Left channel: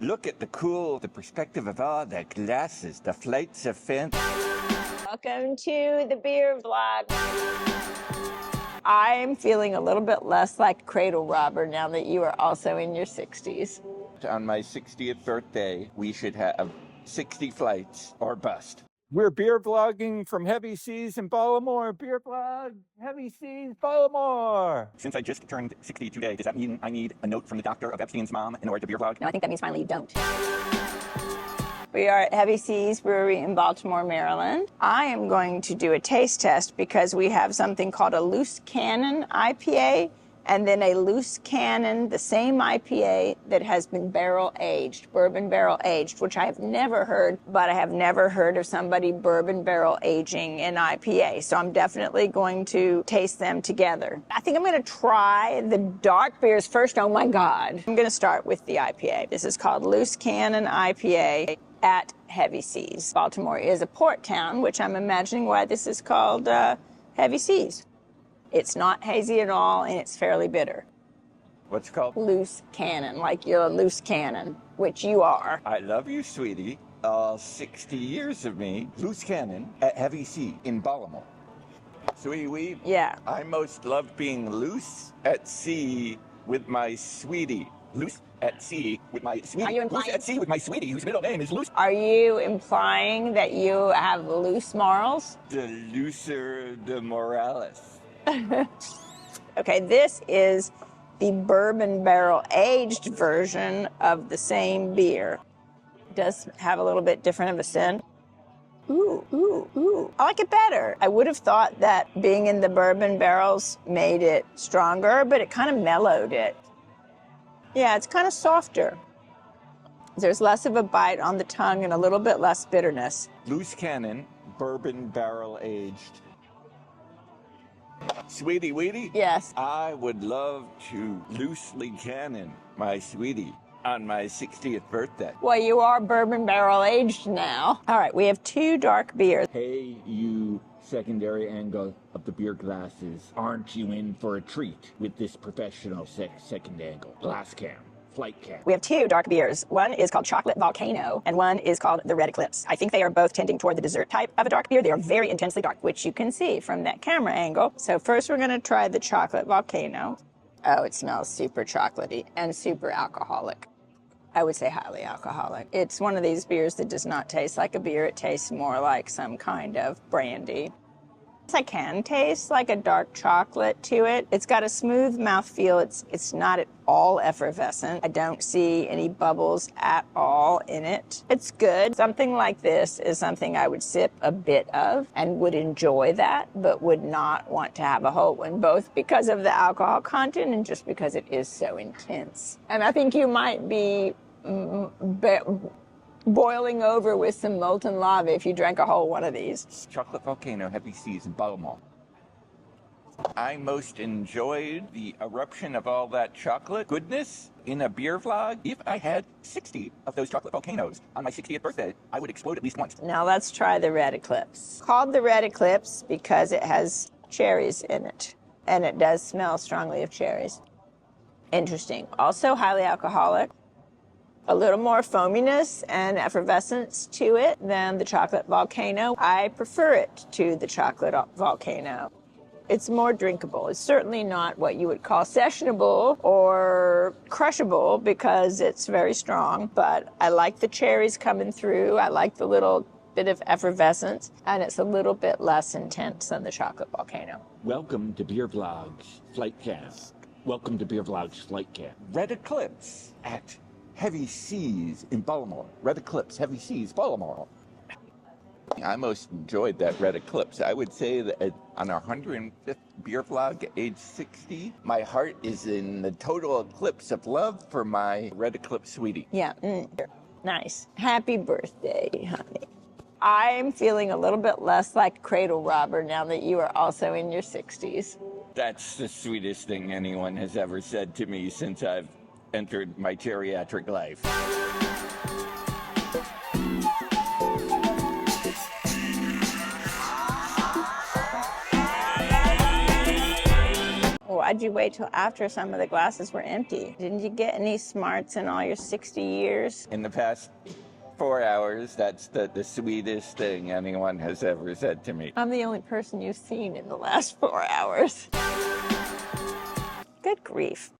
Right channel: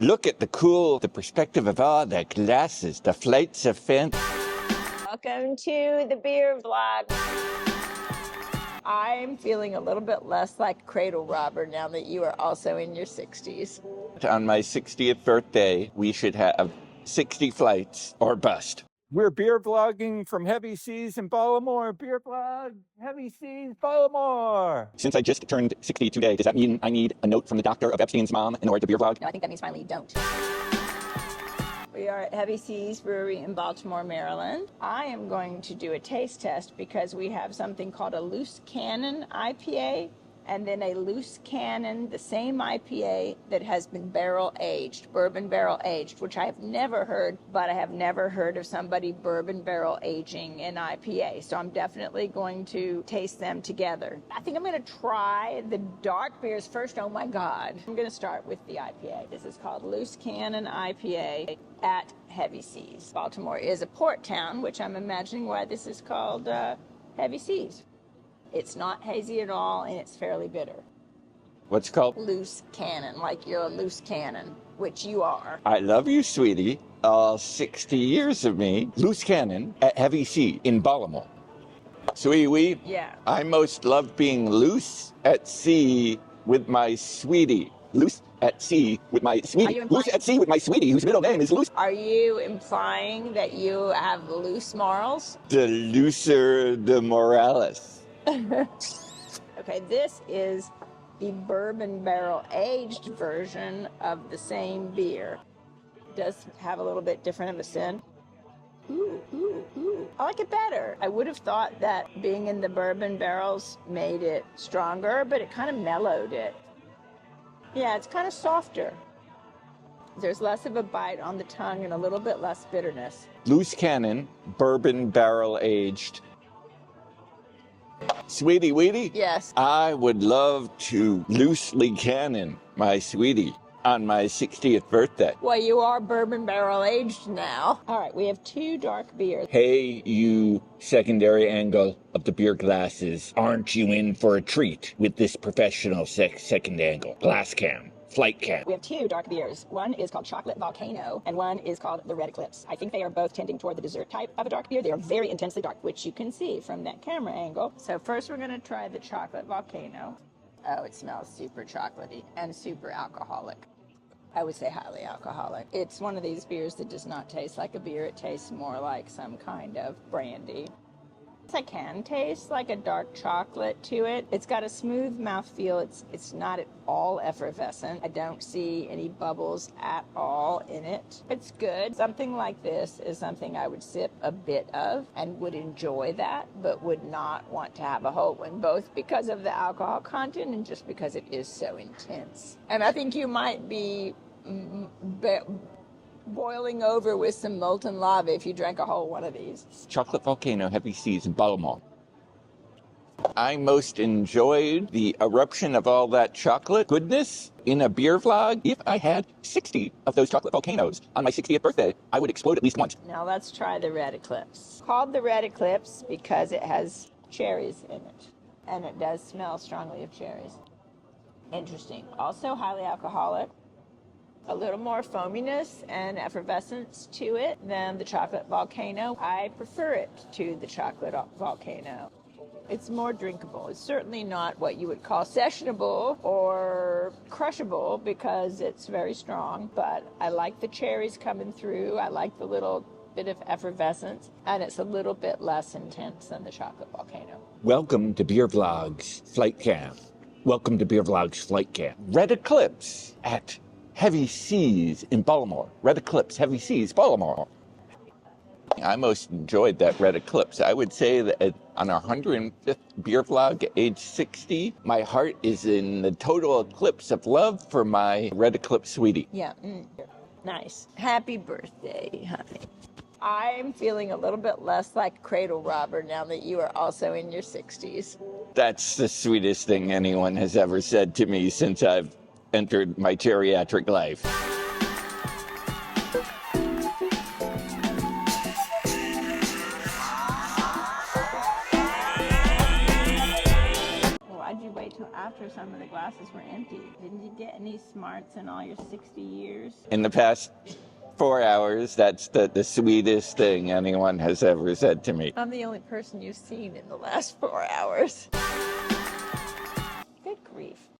Look at the perspective of all the glasses, the flights of fancy. Welcome to the beer vlog. I am feeling a little bit less like a cradle robber now that you are also in your 60s. On my 60th birthday, we should have 60 flights or bust. We're beer vlogging from Heavy Seas in Baltimore. Beer vlog, Heavy Seas, Baltimore. Since I just turned 60 today, does that mean I need a note from the doctor of Epstein's mom in order to beer vlog? No, I think that means finally you don't. We are at Heavy Seas Brewery in Baltimore, Maryland. I am going to do a taste test because we have something called a loose cannon IPA and then a loose cannon, the same IPA that has been barrel aged, bourbon barrel aged, which I have never heard, but I have never heard of somebody bourbon barrel aging an IPA. So I'm definitely going to taste them together. I think I'm gonna try the dark beers first. Oh my God. I'm gonna start with the IPA. This is called Loose Cannon IPA at Heavy Seas. Baltimore is a port town, which I'm imagining why this is called Heavy Seas. It's not hazy at all, and it's fairly bitter. What's it called? Loose cannon, like you're a loose cannon, which you are. I love you, sweetie. All 60 years of me. Loose cannon at Heavy Sea in Baltimore. Sweetie, Yeah. I most love being loose at sea with my sweetie. Loose at sea with my sweetie. Loose at sea with my sweetie, whose middle name is Loose. Are you implying that you have loose morals? The looser the moralis. Okay, this is the bourbon barrel aged version of the same beer. It does have a little bit different of a scent. Ooh, ooh, ooh. I like it better. I would have thought that being in the bourbon barrels made it stronger, but it kind of mellowed it. Yeah, it's kind of softer. There's less of a bite on the tongue and a little bit less bitterness. Loose cannon, bourbon barrel aged. Sweetie Weetie? Yes. I would love to loosely cannon my sweetie on my 60th birthday. Well, you are bourbon barrel aged now. All right, we have two dark beers. Hey, you secondary angle of the beer glasses. Aren't you in for a treat with this professional second angle? Glass cam. Flight cam. We have two dark beers. One is called Chocolate Volcano, and one is called the Red Eclipse. I think they are both tending toward the dessert type of a dark beer. They are very intensely dark, which you can see from that camera angle. So first we're gonna try the Chocolate Volcano. Oh, it smells super chocolatey and super alcoholic. I would say highly alcoholic. It's one of these beers that does not taste like a beer. It tastes more like some kind of brandy. I can taste like a dark chocolate to it. It's got a smooth mouthfeel. It's not at all effervescent. I don't see any bubbles at all in it. It's good. Something like this is something I would sip a bit of and would enjoy that, but would not want to have a whole one, both because of the alcohol content and just because it is so intense. And I think you might be boiling over with some molten lava if you drank a whole one of these. Chocolate Volcano, Heavy Seas in Baltimore. I most enjoyed the eruption of all that chocolate goodness in a beer vlog. If I had 60 of those chocolate volcanoes on my 60th birthday, I would explode at least once. Now let's try the Red Eclipse. Called the Red Eclipse because it has cherries in it, and it does smell strongly of cherries. Interesting. Also highly alcoholic. A little more foaminess and effervescence to it than the Chocolate Volcano. I prefer it to the Chocolate Volcano. It's more drinkable. It's certainly not what you would call sessionable or crushable because it's very strong, but I like the cherries coming through. I like the little bit of effervescence, and it's a little bit less intense than the Chocolate Volcano. Welcome to BeerVlogs Flight Cam. Welcome to BeerVlogs Flight Cam. Red Eclipse at Heavy Seas in Baltimore. Red Eclipse, Heavy Seas, Baltimore. I most enjoyed that Red Eclipse. I would say that on our 105th beer vlog at age 60, my heart is in the total eclipse of love for my Red Eclipse sweetie. Yeah, nice. Happy birthday, honey. I'm feeling a little bit less like a cradle robber now that you are also in your 60s. That's the sweetest thing anyone has ever said to me since I've entered my geriatric life. Why'd you wait till after some of the glasses were empty? Didn't you get any smarts in all your 60 years? In the past 4 hours, that's the sweetest thing anyone has ever said to me. I'm the only person you've seen in the last 4 hours. Good grief.